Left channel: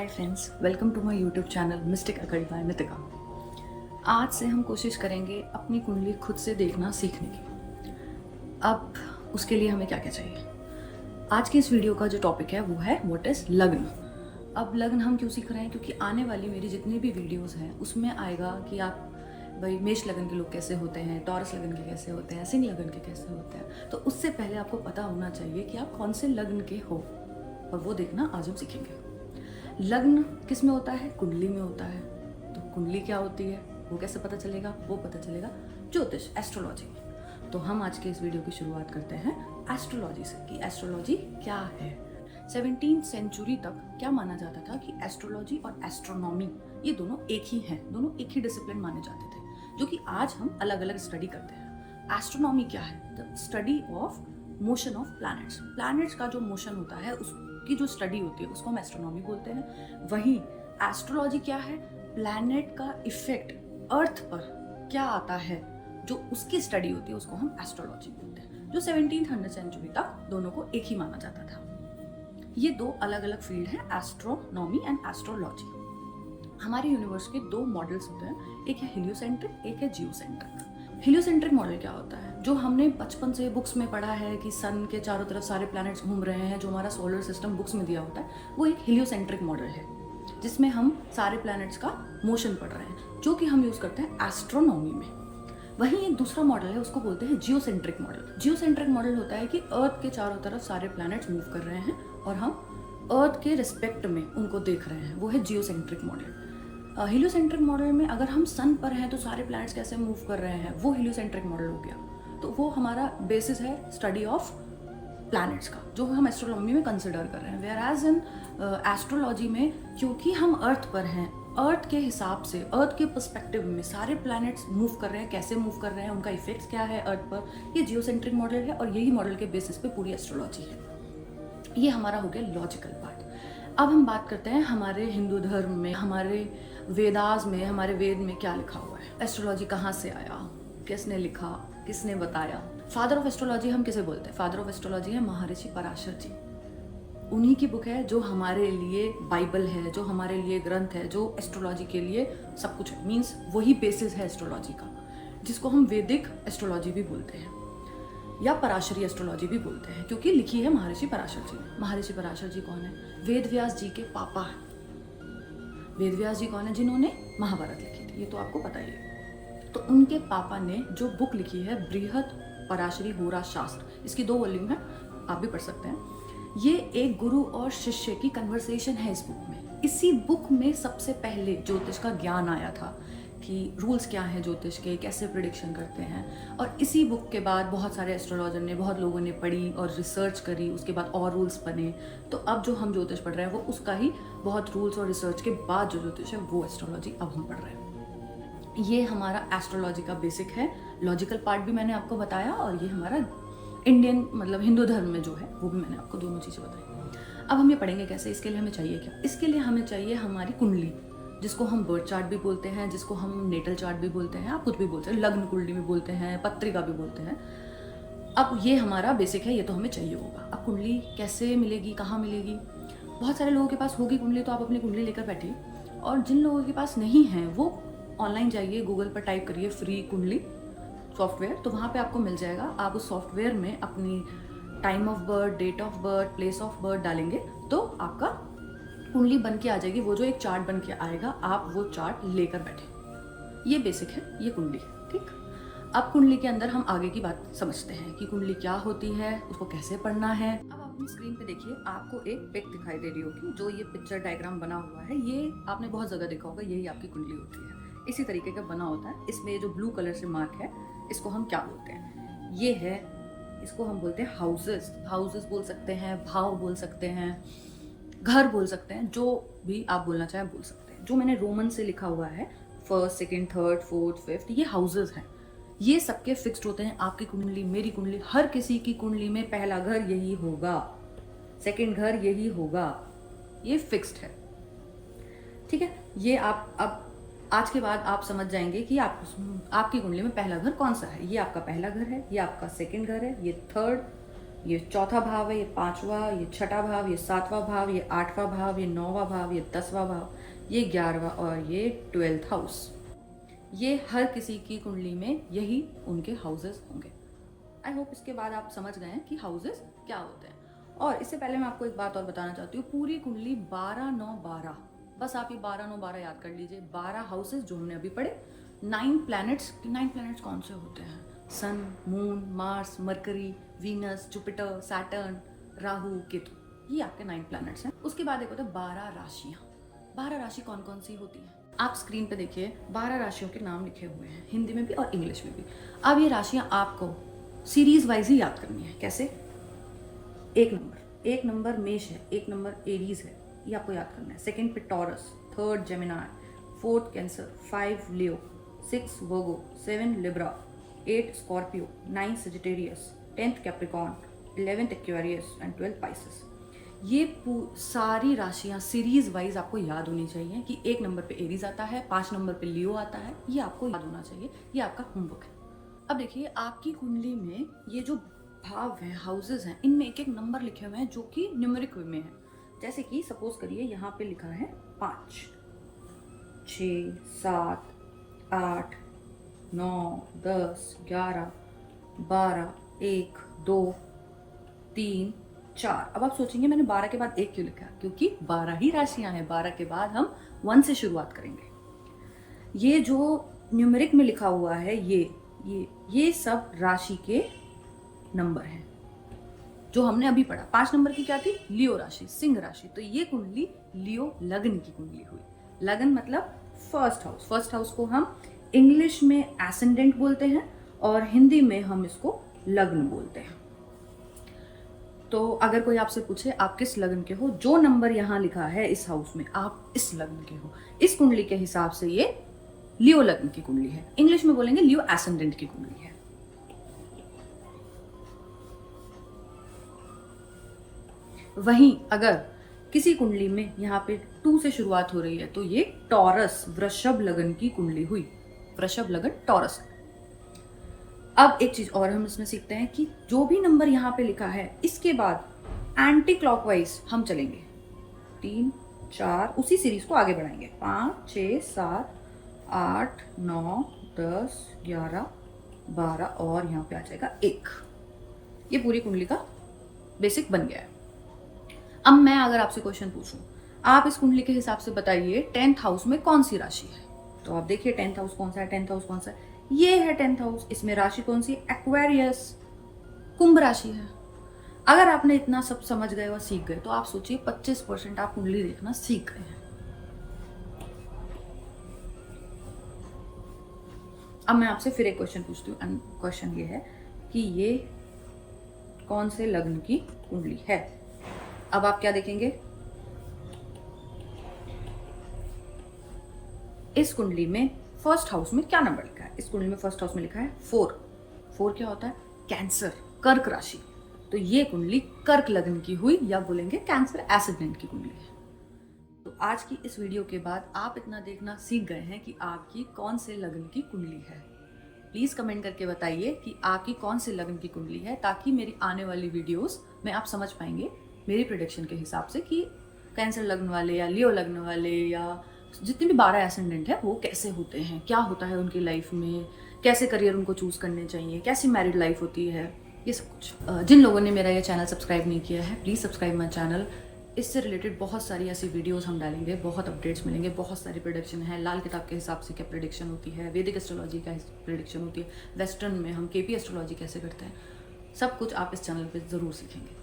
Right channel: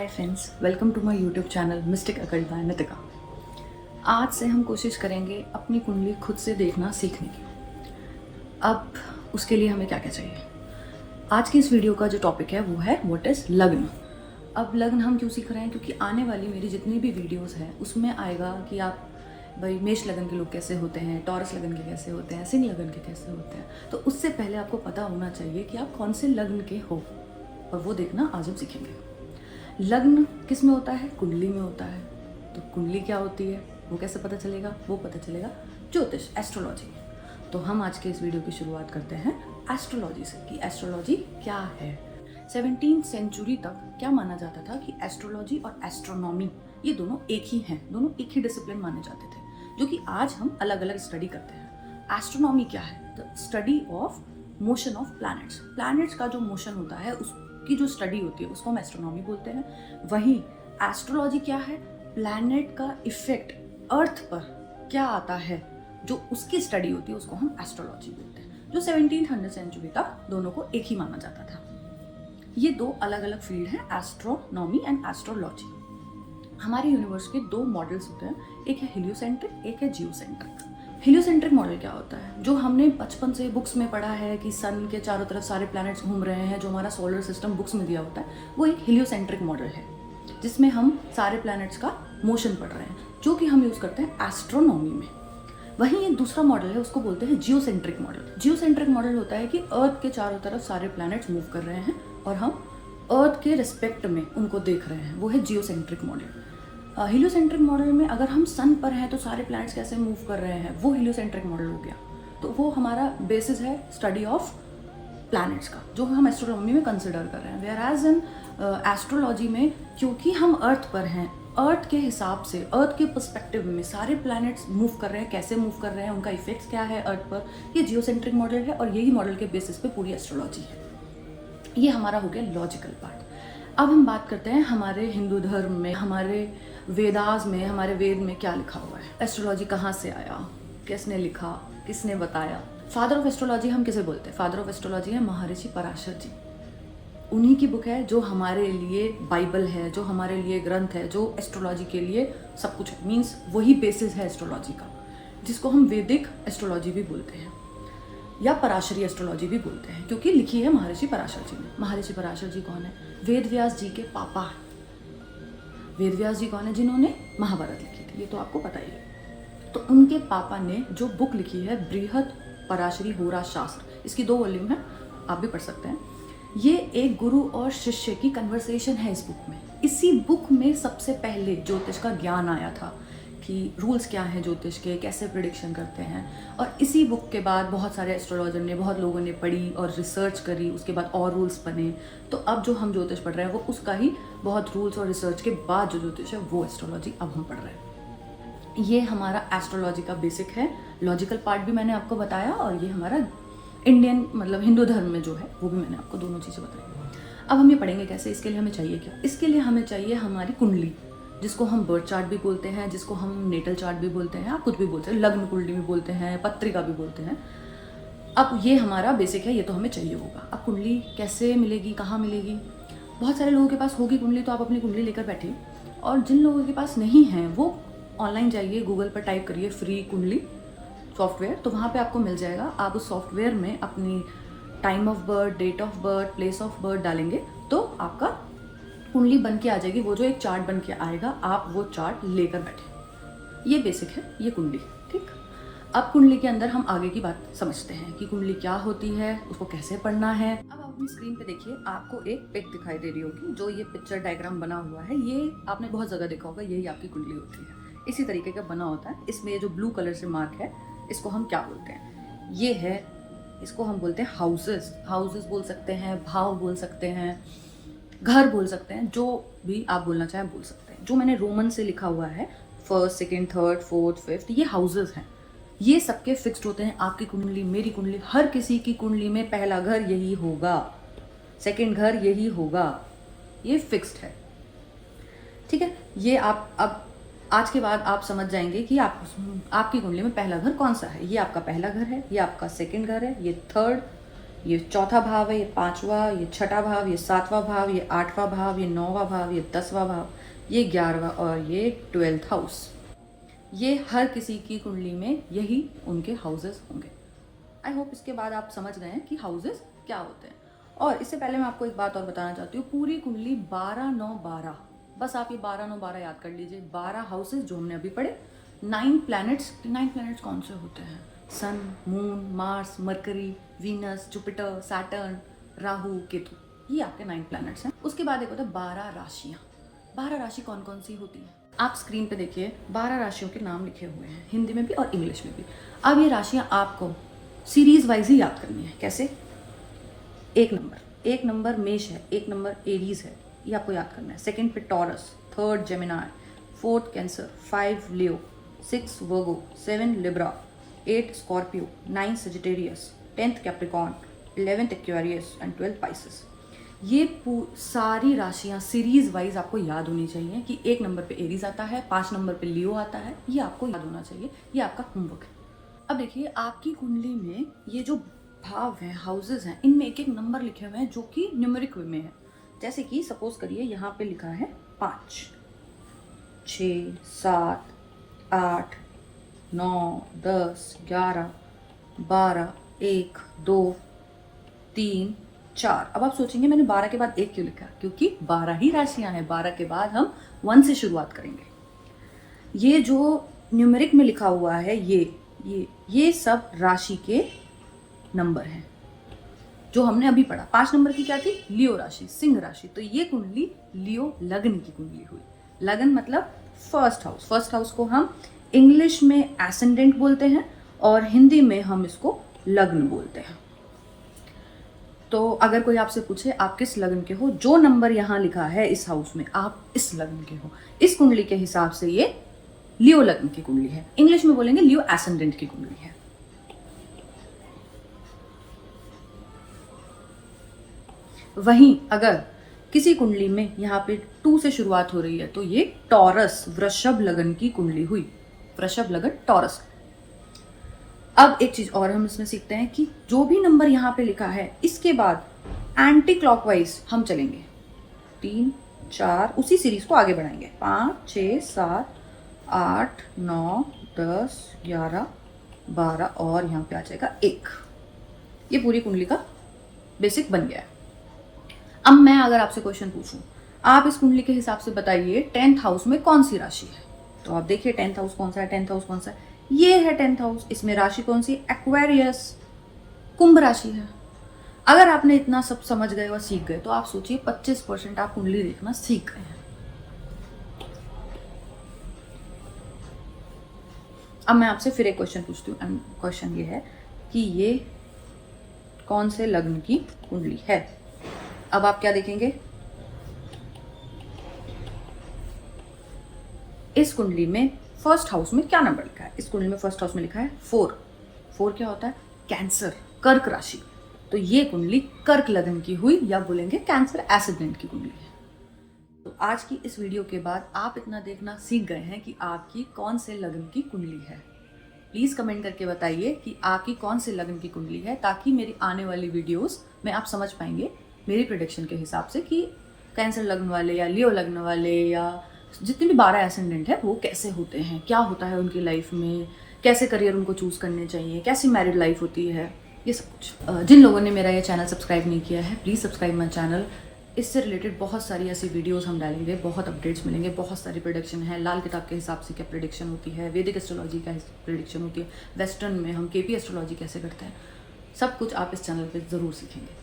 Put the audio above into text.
Hi friends, welcome to my YouTube channel mystic occult by Nitika. आज से हम कोशिश करेंगे अपनी कुंडली खुद से देखना सीखने की। अब उसके लिए हमें क्या क्या चाहिए। आज की इस वीडियो का जो टॉपिक है वो है व्हाट इज़ लग्न। अब लग्न हम क्यों सीख रहे हैं, क्योंकि आने वाली मेरी जितनी भी वीडियोस हैं उसमें आएगा कि आप भाई मेष लगन के लोग कैसे होते हैं, टॉरस लगन के कैसे होते हैं, सिंह लगन के कैसे होते हैं। तो उससे पहले आपको पता होना चाहिए कि आप कौन से लग्न के हो, और वो देखना आज हम सीखेंगे। लग्न किस में होता है? कुंडली में होता है। तो कुंडली क्या होती है वो कैसे पता चलेगा? वो पता चलेगा ज्योतिष, एस्ट्रोलॉजी। तो हम आज के इस वीडियो की शुरुआत करते हैं एस्ट्रोलॉजी से कि एस्ट्रोलॉजी क्या है। 17th सेंचुरी तक क्या माना जाता था कि एस्ट्रोलॉजी और एस्ट्रोनॉमी ये दोनों एक ही हैं, दोनों एक ही डिसिप्लिन माने जाते थे, जो कि आज हम अलग अलग स्टडी करते हैं। एस्ट्रोनॉमी क्या है? The study of motion of planets. Planets का जो मोशन होता है उसकी जो स्टडी होती है उसको हम एस्ट्रोनॉमी बोलते हैं। वही एस्ट्रोलॉजी क्या है? प्लैनेट का इफेक्ट अर्थ पर क्या आता है, जो उसकी स्टडी होती है उसको हम एस्ट्रोलॉजी बोलते हैं। जो 1700 सेंचुरी तक दोनों को एक ही माना जाता था। ये दो अलग अलग फील्ड है, एस्ट्रोनॉमी एंड एस्ट्रोलॉजी। हमारे यूनिवर्स के दो मॉडल्स होते हैं, एक है हेलियोसेंट्रिक, एक है जियोसेंट्रिक। हेलियोसेंट्रिक मॉडल क्या होता है? जो हमने बचपन से बुक्स में पढ़ा है कि सन के चारों तरफ सारे प्लैनेट्स घूम रहे हैं, जो हमारा सोलर सिस्टम बुक्स में दिया होता है, वो एक हेलियोसेंट्रिक मॉडल है, जिसमें हम सारे प्लैनेट्स का मोशन पढ़ रहे हैं, जो कि हम यूज़ करते हैं एस्ट्रोनॉमी में। वहीं एक दूसरा मॉडल है, उसको बोलते हैं जियोसेंट्रिक मॉडल। जियोसेंट्रिक मॉडल होता है कि अर्थ के चारों तरफ सारे प्लैनेट्स मूव कर रहे हैं और हम अर्थ के रिस्पेक्ट में उनको देख रहे हैं, वो है जियोसेंट्रिक मॉडल। हेलियोसेंट्रिक मॉडल में अगर हम सन पर हैं तो सारे प्लैनेट्स कैसे मूव कर रहे हैं, वो हेलियोसेंट्रिक मॉडल हो गया। तो वो हमारा बेसिस है स्टडी ऑफ प्लैनेट्स का, जो हम एस्ट्रोनॉमी में कंसिडर कर रहे हैं। वेयर एज इन एस्ट्रोलॉजी में, क्योंकि हम अर्थ पर हैं, अर्थ के हिसाब से, अर्थ के पर्सपेक्टिव में सारे प्लैनेट्स मूव कर रहे हैं, कैसे मूव कर रहे हैं, उनका इफेक्ट क्या है अर्थ पर, ये जियोसेंट्रिक मॉडल है। और यही मॉडल के बेसिस पे पूरी एस्ट्रोलॉजी है। ये हमारा हो गया लॉजिकल पार्ट। अब हम बात करते हैं हमारे हिंदू धर्म में, हमारे वेदास में, हमारे वेद में क्या लिखा हुआ है। एस्ट्रोलॉजी कहाँ से आया, किसने लिखा, किसने बताया। फादर ऑफ एस्ट्रोलॉजी हम किसे बोलते हैं? फादर ऑफ एस्ट्रोलॉजी है महर्षि पराशर जी। उन्हीं की बुक है जो हमारे लिए बाइबल है, जो हमारे लिए ग्रंथ है, जो एस्ट्रोलॉजी के लिए सब कुछ है। मीन्स वही बेसिस है एस्ट्रोलॉजी का, जिसको हम वैदिक एस्ट्रोलॉजी भी बोलते हैं या पराशरी एस्ट्रोलॉजी भी बोलते हैं, क्योंकि लिखी है महर्षि पराशर जी ने। महर्षि पराशर जी कौन है? वेद व्यास जी के पापा। वेद व्यास जी कौन है? जिन्होंने महाभारत लिखी थी, ये तो आपको पता ही है। तो उनके पापा ने जो बुक लिखी है बृहद पराशरी होरा शास्त्र, इसकी 2 वॉल्यूम है, आप भी पढ़ सकते हैं। ये एक गुरु और शिष्य की कन्वर्सेशन है इस बुक में। इसी बुक में सबसे पहले ज्योतिष का ज्ञान आया था कि रूल्स क्या हैं ज्योतिष के, कैसे प्रिडिक्शन करते हैं। और इसी बुक के बाद बहुत सारे एस्ट्रोलॉजर ने, बहुत लोगों ने पढ़ी और रिसर्च करी, उसके बाद और रूल्स बने। तो अब जो हम ज्योतिष पढ़ रहे हैं वो उसका ही बहुत रूल्स और रिसर्च के बाद जो ज्योतिष है वो एस्ट्रोलॉजी अब हम पढ़ रहे हैं। ये हमारा एस्ट्रोलॉजी का बेसिक है। लॉजिकल पार्ट भी मैंने आपको बताया, और ये हमारा इंडियन मतलब हिंदू धर्म में जो है वो भी मैंने आपको दोनों चीज़ें बताई। अब हम ये पढ़ेंगे कैसे। इसके लिए हमें चाहिए क्या? इसके लिए हमें चाहिए हमारी कुंडली, जिसको हम बर्थ चार्ट भी बोलते हैं, जिसको हम नेटल चार्ट भी बोलते हैं, आप कुछ भी बोलते हैं, लग्न कुंडली भी बोलते हैं, पत्रिका भी बोलते हैं। अब ये हमारा बेसिक है, ये तो हमें चाहिए होगा। अब कुंडली कैसे मिलेगी, कहाँ मिलेगी? बहुत सारे लोगों के पास होगी कुंडली, तो आप अपनी कुंडली लेकर बैठिए। और जिन लोगों के पास नहीं है वो ऑनलाइन जाइए, गूगल पर टाइप करिए फ्री कुंडली सॉफ्टवेयर, तो वहाँ पे आपको मिल जाएगा। आप उस सॉफ्टवेयर में अपनी time of birth, date of birth, place of birth डालेंगे तो आपका कुंडली बन के आ जाएगी। वो जो एक चार्ट बन के आएगा, आप वो चार्ट लेकर बैठे। ये बेसिक है, ये कुंडली, ठीक। अब कुंडली के अंदर हम आगे की बात समझते हैं कि कुंडली क्या होती है, उसको कैसे पढ़ना है। अब आप अपनी स्क्रीन पे देखिए, आपको एक पिक दिखाई दे रही होगी, जो ये पिक्चर डायग्राम बना हुआ है, ये आपने बहुत जगह देखा होगा, यही आपकी कुंडली होती है। इसी तरीके का बना होता है। इसमें जो ब्लू कलर से मार्क है, इसको हम क्या बोलते हैं? ये है, इसको हम बोलते हैं हाउसेस। हाउसेस बोल सकते हैं, भाव बोल सकते हैं, घर बोल सकते हैं, जो भी आप बोलना चाहें बोल सकते हैं। जो मैंने रोमन से लिखा हुआ है, 1st, 2nd, 3rd, 4th, 5th, ये हाउसेस हैं। ये सबके फिक्स्ड होते हैं। आपकी कुंडली, मेरी कुंडली, हर किसी की कुंडली में पहला घर यही होगा, सेकंड घर यही होगा, ये फिक्स्ड है, ठीक है। ये आप अब आज के बाद आप समझ जाएंगे कि आपकी कुंडली में पहला घर कौन सा है। ये आपका पहला घर है, ये आपका सेकंड घर है, ये 3rd, ये चौथा भाव है, ये पांचवा, ये छठा भाव, ये सातवां भाव, ये आठवां भाव, ये नौवां भाव, ये 10वां भाव, ये 11वां और ये 12th हाउस। ये हर किसी की कुंडली में यही उनके हाउसेस होंगे। आई होप इसके बाद आप समझ गए हैं कि हाउसेस क्या होते हैं। और इससे पहले मैं आपको एक बात और बताना चाहती हूँ, पूरी कुंडली 12 9 12, बस आप ये 12 9 12 याद कर लीजिए। 12 हाउसेस जो हमने अभी पढ़े, 9 प्लैनेट्स। 9 प्लैनेट्स कौन से होते हैं? Sun, moon, Mars, Mercury, Venus, Jupiter, Saturn, Rahu, Ketu, ये आपके 9 प्लैनेट्स हैं। उसके बाद एक होता है 12 राशियाँ। 12 राशि कौन कौन सी होती हैं? आप स्क्रीन पे देखिए, 12 राशियों के नाम लिखे हुए हैं, हिंदी में भी और इंग्लिश में भी। अब ये राशियाँ आपको सीरीज वाइज ही याद करनी है। कैसे? एक नंबर मेष है, एक नंबर एरीज है, ये आपको याद करना है। सेकंड पे taurus, third Gemini, fourth cancer, 5 Leo, 6 Virgo, 7 Libra, 8 Scorpio, 9 Sagittarius, 10th Capricorn, 11th Aquarius and 12th Pisces. ये सारी राशियां सीरीज वाइज आपको याद होनी चाहिए कि 1 नंबर पे एरीज आता है, 5 नंबर पे लियो आता है, ये आपको याद होना चाहिए। ये आपका होमवर्क है। अब देखिए, आपकी कुंडली में ये जो भाव है, हाउसेस हैं, इनमें एक एक नंबर लिखे हुए हैं जो कि न्यूमेरिक वे में है। जैसे कि सपोज करिए यहाँ पे लिखा है 5, 6, 7, 8, 9, 10, 11, 12, 1, 2, 3, 4। अब आप सोचेंगे मैंने 12 के बाद 1 क्यों लिखा? क्योंकि 12 ही राशियां हैं। 12 के बाद हम 1 से शुरुआत करेंगे। ये जो न्यूमेरिक में लिखा हुआ है, ये सब राशि के नंबर हैं जो हमने अभी पढ़ा। 5 नंबर की क्या थी? लियो राशि, सिंह राशि। तो ये कुंडली लियो लग्न की कुंडली हुई। लग्न मतलब फर्स्ट हाउस। फर्स्ट हाउस को हम इंग्लिश में एसेंडेंट बोलते हैं और हिंदी में हम इसको लग्न बोलते हैं। तो अगर कोई आपसे पूछे आप किस लग्न के हो, जो नंबर यहाँ लिखा है इस हाउस में, आप इस लग्न के हो। इस कुंडली के हिसाब से ये लियो लग्न की कुंडली है। इंग्लिश में बोलेंगे लियो एसेंडेंट की कुंडली है। वहीं अगर किसी कुंडली में यहाँ पे 2 से शुरुआत हो रही है तो ये टॉरस, वृषभ लगन की कुंडली हुई। वृषभ लगन, टॉरस। अब एक चीज और हम इसमें सीखते हैं कि जो भी नंबर यहाँ पे लिखा है, इसके बाद एंटी क्लॉकवाइज हम चलेंगे। 3, 4, उसी सीरीज को आगे बढ़ाएंगे। 5, 6, 7, 8, 9, 10, 11, 12 और यहाँ पे आ जाएगा 1। ये पूरी कुंडली का बेसिक बन गया है। अब मैं अगर आपसे क्वेश्चन पूछूं, आप इस कुंडली के हिसाब से बताइए 10th हाउस में कौन सी राशि है? तो आप देखिए 10th हाउस कौन सा है? 10th हाउस कौन सा है? ये है 10th हाउस। इसमें राशि कौन सी? एक्वेरियस, कुंभ राशि है। अगर आपने इतना सब समझ गए और सीख गए तो आप सोचिए 25% आप कुंडली देखना सीख गए हैं। अब मैं आपसे फिर एक क्वेश्चन पूछती हूँ। क्वेश्चन ये है कि ये कौन से लग्न की कुंडली है? अब आप क्या देखेंगे? इस कुंडली में फर्स्ट हाउस में क्या नंबर लिखा है? इस कुंडली में फर्स्ट हाउस में लिखा है 4। 4 क्या होता है? कैंसर, कर्क राशि। तो ये कुंडली कर्क लगन की हुई, या बोलेंगे कैंसर एसेंडेंट की कुंडली है। तो आज की इस वीडियो के बाद आप इतना देखना सीख गए हैं कि आपकी कौन से लगन की कुंडली है। प्लीज कमेंट करके बताइए कि आपकी कौन से लगन की कुंडली है, ताकि मेरी आने वाली वीडियोस में आप समझ पाएंगे मेरी प्रेडिक्शन के हिसाब से कि कैंसर लग्न वाले या लियो लग्न वाले या जितने भी 12 एसेंडेंट है वो कैसे होते हैं, क्या होता है उनकी लाइफ में, कैसे करियर उनको चूज करने चाहिए, कैसी मैरिड लाइफ होती है, ये सब कुछ। जिन लोगों ने मेरा ये चैनल सब्सक्राइब नहीं किया है, प्लीज़ सब्सक्राइब माई चैनल। इससे रिलेटेड बहुत सारी ऐसी वीडियोस हम डालेंगे, बहुत अपडेट्स मिलेंगे, बहुत सारी प्रेडिक्शन है। लाल किताब के हिसाब से क्या प्रेडिक्शन होती है, वैदिक एस्ट्रोलॉजी का प्रेडिक्शन होती है, वेस्टर्न में हम केपी एस्ट्रोलॉजी कैसे करते हैं, सब कुछ आप इस चैनल पे ज़रूर सीखेंगे।